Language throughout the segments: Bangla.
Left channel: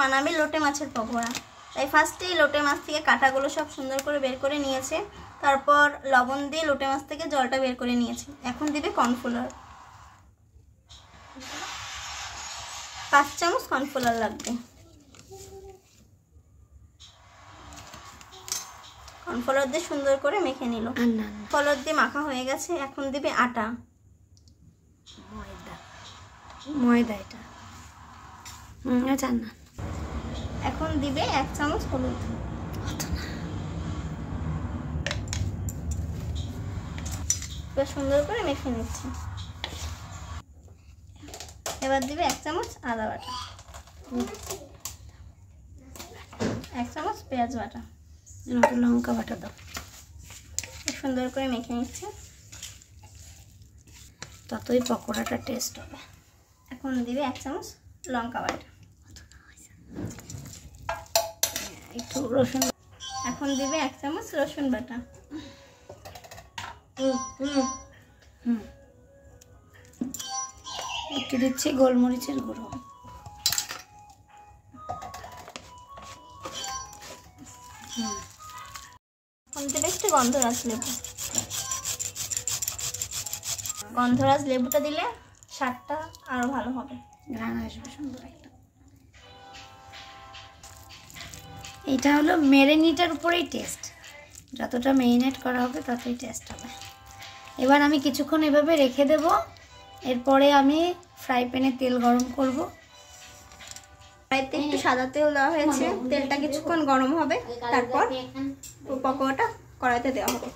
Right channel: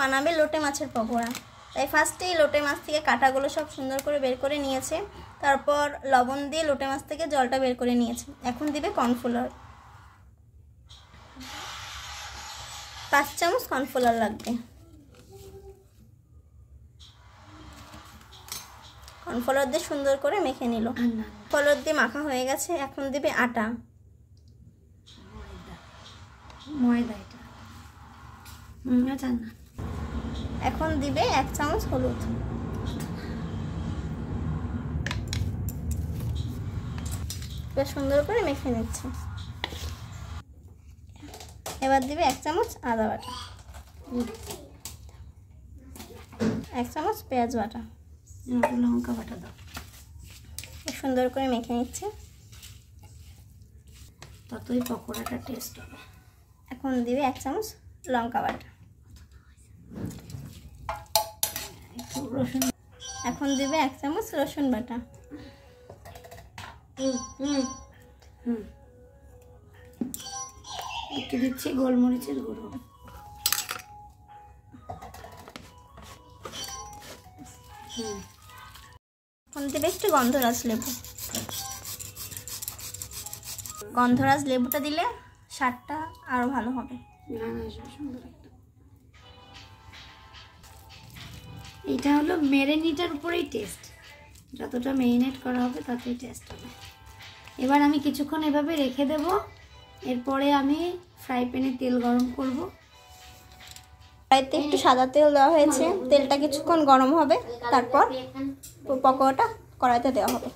বানাবে লোটে মাছের পকোড়া। তাই ফার্স্টেই লোটে মাছ থেকে কাঁটাগুলো সব সুন্দর করে বের করে নিয়েছে, তারপর লবণ দিয়ে লোটে মাছ থেকে জলটা বের করে নিয়েছে। এখন দিবে কর্নফ্লাওয়ার, 5 চামচ কর্নফ্লাওয়ার লাগবে। কর্নফ্লাওয়ার দিয়ে সুন্দর করে মেখে নিল। কর্নফ্লাওয়ার দিয়ে মাখা হয়ে গেছে। এখন দিবে আটা, ময়দা, এটা জানা। এখন দিবে 1 চামচ হলুদ, সুন্দর করে মেখে নিচ্ছে। এবার দিবে 1 চামচ আদা বাটা, 1 চামচ পেঁয়াজ বাটা, লঙ্কা বাটা দাও। সুন্দর করে মেখে নিচ্ছে, ততই পকোড়াটা টেস্ট হবে। এখন দিবে 1 চামচ লঙ্কা বাটা, একটু রসুন। এখন দিবে 1 চামচ রসুন বাটা, একটু দিচ্ছি গোলমরিচের গুঁড়ো, এখন দিবে একটু গন্ধরাজ লেবু। গন্ধরাজ লেবুটা দিলে স্বাদটা আরো ভালো হবে, গান আসবে সুন্দর একটা। এটা হলো মেরিনেটের উপরেই টেস্ট, যতটা মেরিনেট করা হবে ততই টেস্ট হবে। এবার আমি কিছুক্ষণ এভাবে রেখে দেব, এরপরে আমি ফ্রাই প্যানে তেল গরম করব। কড়াইতে একটু সাদা তেল দেওয়া হয়েছে, তেলটা কিছুক্ষণ গরম হবে, তারপর পকোড়াটা কড়াইতে দেওয়া হবে।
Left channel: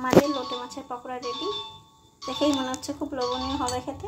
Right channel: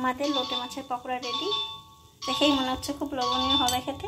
আমাদের লোটে মাছের পকোড়া রেডি। দেখেই মনে হচ্ছে খুব লোভনীয় হবে খেতে।